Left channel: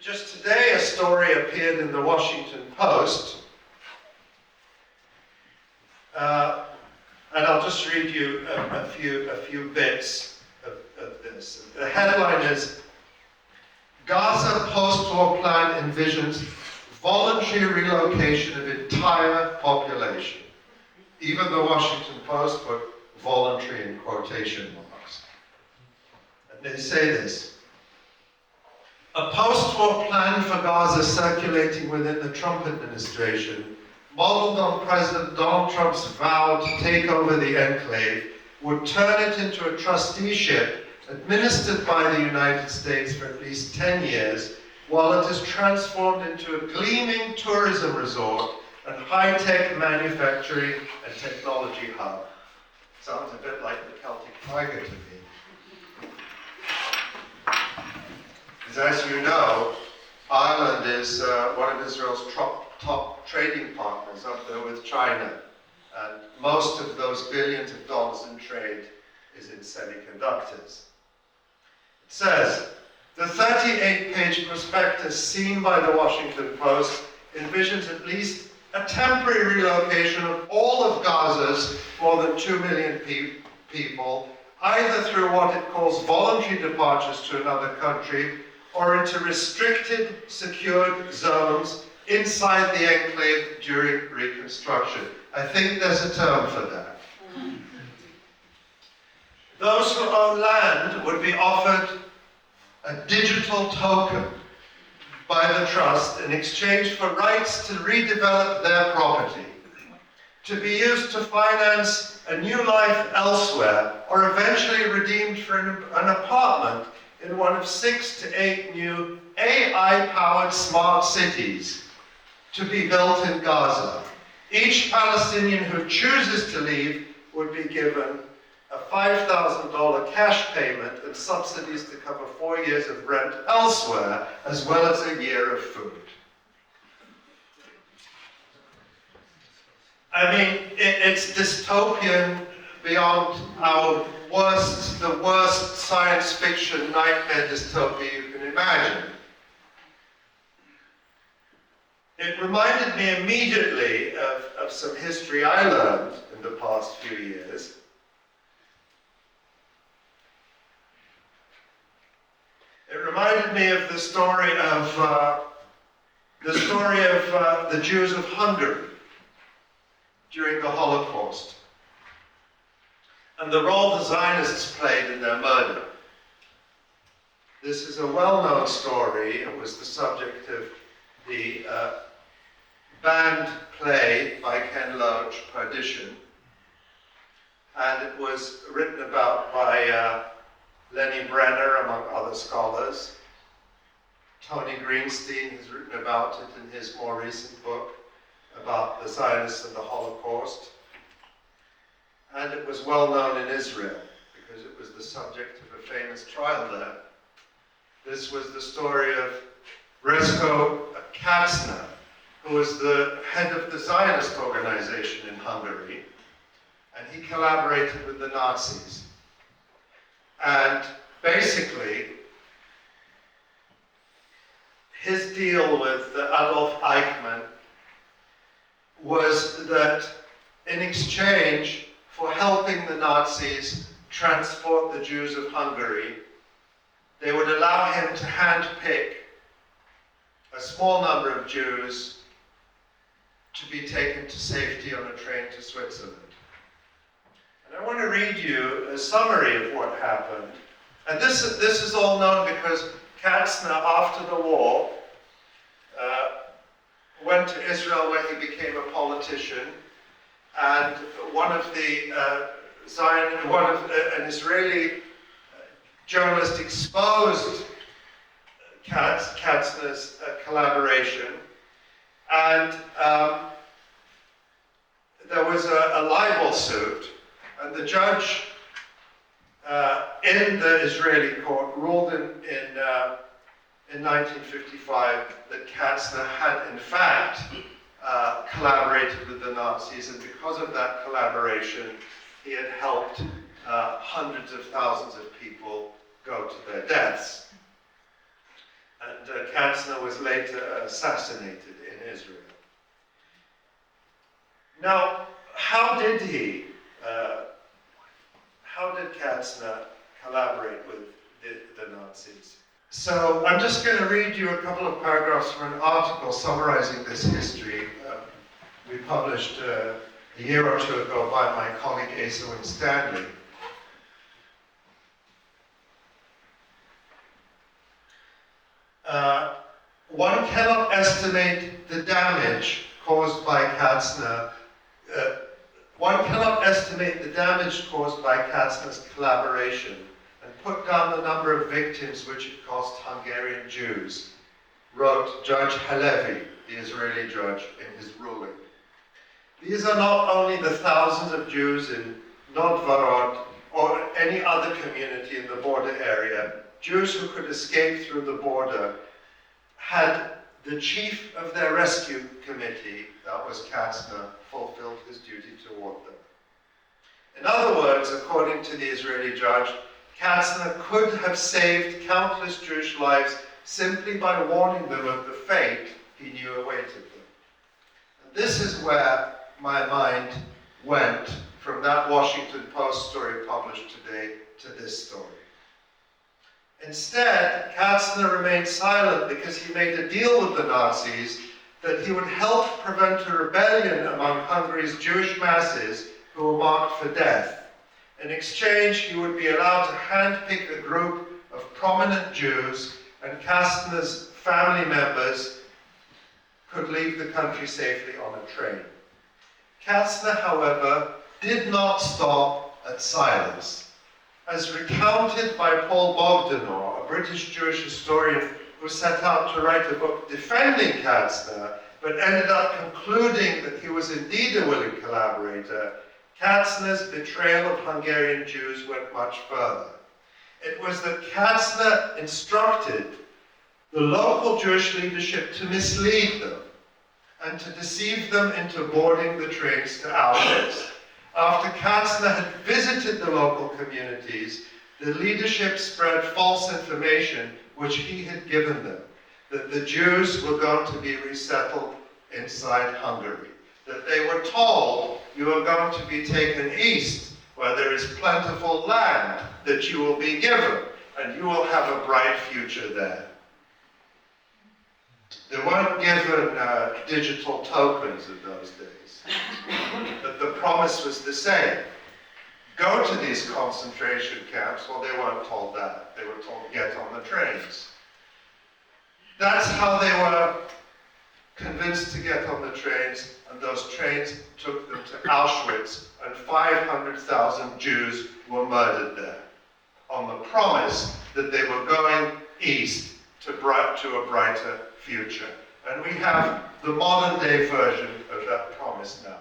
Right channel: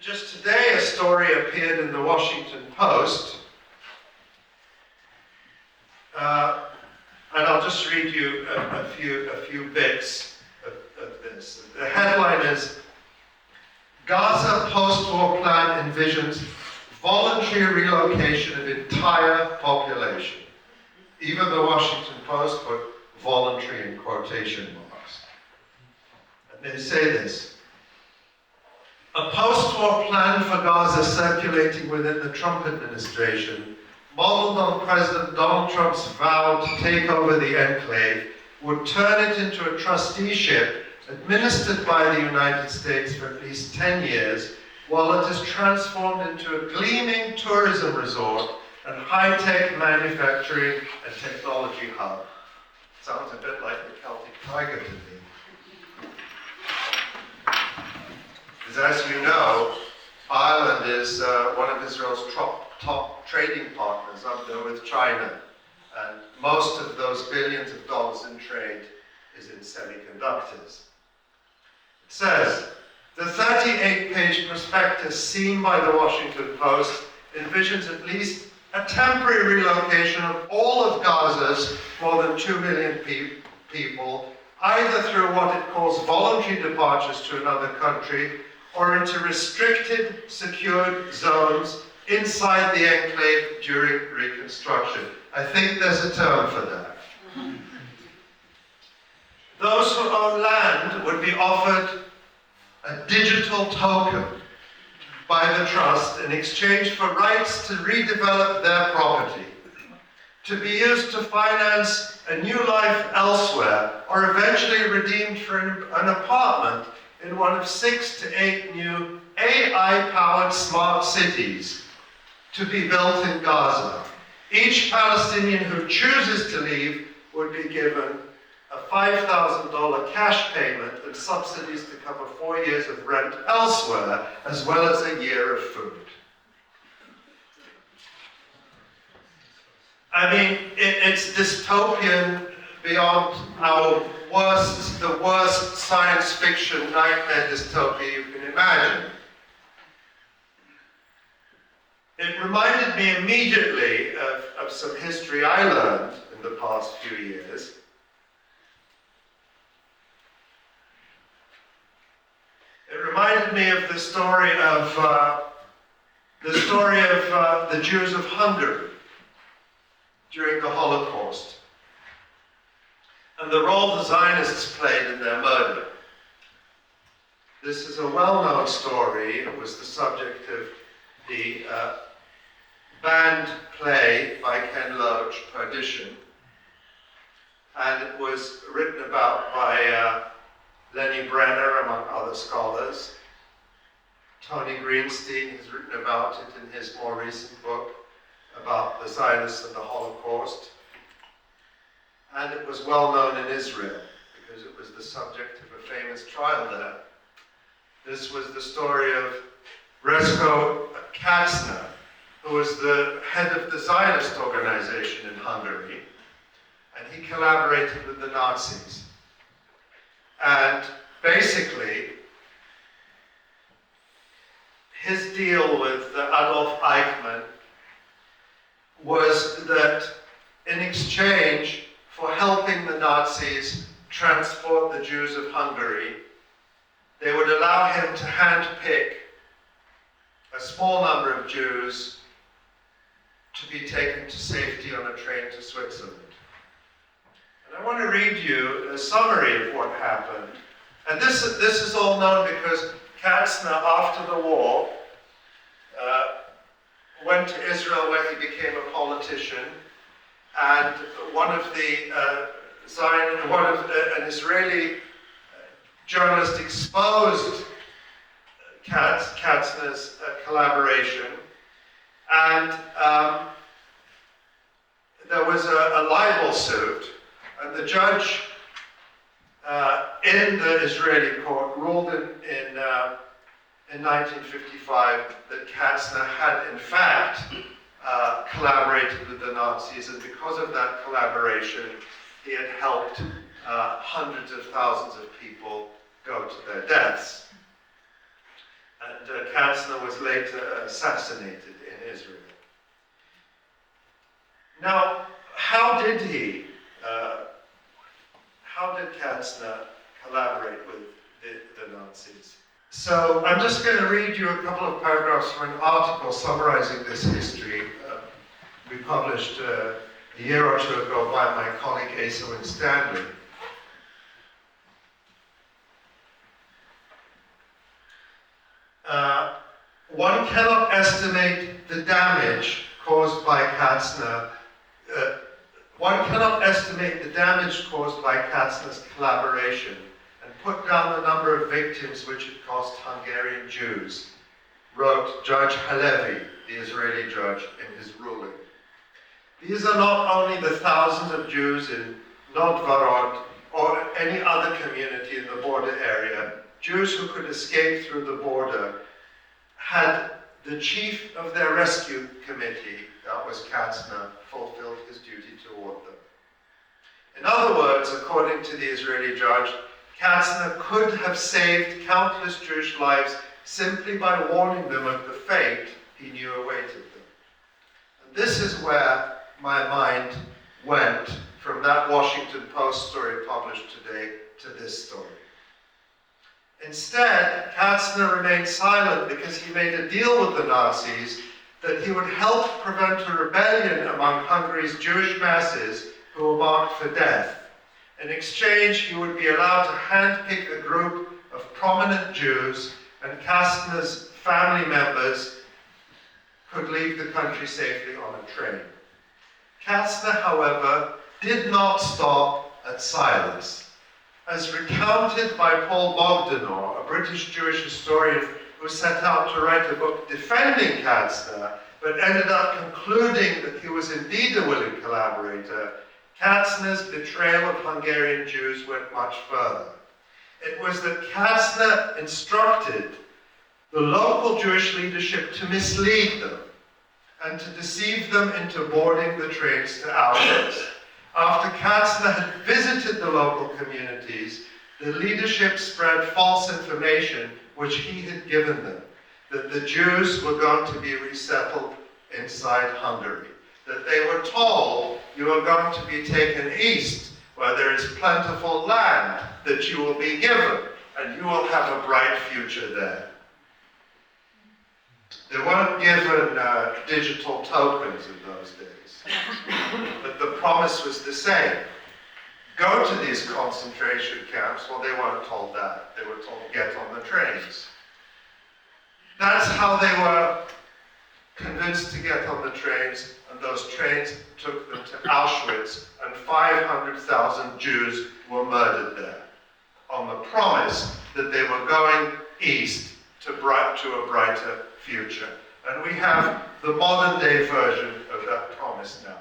Just today, a story appeared in the Washington Post, and I'll just read you a few bits of this. The headline is, Gaza post-war plan envisions voluntary relocation of entire population. Even the Washington Post put voluntary in quotation marks. And they say this: a post-war plan for Gaza circulating within the Trump administration, modeled on President Donald Trump's vow to take over the enclave, would turn it into a trusteeship administered by the United States for at least 10 years, while it is transformed into a gleaming tourism resort and high-tech manufacturing and technology hub. Sounds a bit like the Celtic Tiger to me. As you know, Ireland is one of Israel's top trading partners up there with China. And most of those billions of dollars in trade is in semiconductors. It says, the 38-page prospectus seen by the Washington Post envisions at least a temporary relocation of all of Gaza's more than 2 million people, either through what it calls voluntary departures to another country, or into restricted, secured zones inside the enclave during reconstruction. I think there's a term for that. Those who own land would be offered a digital token by the trust in exchange for rights to redevelop their property, to be used to finance a new life elsewhere, or eventually redeemed for an apartment in one of 6 to 8 new AI-powered smart cities to be built in Gaza. Each Palestinian who chooses to leave would be given a $5,000 cash payment and subsidies to cover 4 years of rent elsewhere, as well as a year of food. I mean, it's dystopian beyond the worst science fiction nightmare dystopia you can imagine. It reminded me immediately of some history I learned in the past few years. It reminded me of the story of the Jews of Hungary during the Holocaust, and the role the Zionists played in their murder. This is a well-known story. It was the subject of the banned play by Ken Loach, Perdition, and it was written about by Lenny Brenner, among other scholars. Tony Greenstein has written about it in his more recent book about the Zionists and the Holocaust. And it was well known in Israel because it was the subject of a famous trial there. This was the story of Resko Katzner, who was the head of the Zionist organization in Hungary, and he collaborated with the Nazis. And basically, his deal with Adolf Eichmann was that in exchange for helping the Nazis transport the Jews of Hungary, they would allow him to handpick a small number of Jews to be taken to safety on a train to Switzerland. And I want to read you a summary of what happened. And this is all known because Katzner, after the war, went to Israel where he became a politician, and an Israeli journalist exposed Katzner's collaboration, and there was a libel suit, and the judge in the Israeli court ruled in 1955 that Katzner had in fact collaborated with the Nazis, and because of that collaboration, he had helped hundreds of thousands of people go to their deaths. and Katzner was later assassinated in Israel. Now, how did Katzner collaborate with the Nazis? So I'm just going to read you a couple of paragraphs from an article summarizing this history we published a year or two ago by my colleague Asa Winstanley. One cannot estimate the damage caused by Katzner. One cannot estimate the damage caused by Katzner's collaboration and put down the number of victims which it cost Hungarian Jews, wrote Judge Halevi, the Israeli judge, in his ruling. These are not only the thousands of Jews in Novgorod or any other community in the border area. Jews who could escape through the border had the chief of their rescue committee, that was Katzner, fulfilled his duty toward them. In other words, according to the Israeli judge, Katzner could have saved countless Jewish lives simply by warning them of the fate he knew awaited them. And this is where my mind went from that Washington Post story published today to this story. Instead, Katzner remained silent because he made a deal with the Nazis that he would help prevent a rebellion among Hungary's Jewish masses who were marked for death. In exchange, he would be allowed to handpick a group of prominent Jews, and Katzner's family members could leave the country safely on a train. Katzner, however, did not stop at silence. As recounted by Paul Bogdanor, a British Jewish historian who set out to write a book defending Katzner, but ended up concluding that he was indeed a willing collaborator, Katzner's betrayal of Hungarian Jews went much further. It was that Katzner instructed the local Jewish leadership to mislead them and to deceive them into boarding the trains to Auschwitz. After Katzner had visited the local communities, the leadership spread false information which he had given them, that the Jews were going to be resettled inside Hungary, that they were told, you are going to be taken east, where there is plentiful land that you will be given, and you will have a bright future there. They weren't given digital tokens in those days, but the promise was the same. Go to these concentration camps. Well, they weren't told that. They were told, get on the trains. That's how they were convinced to get on the trains, and those trains took them to Auschwitz, and 500,000 Jews were murdered there, on the promise that they were going east to a brighter future. And we have the modern day version of that promise now.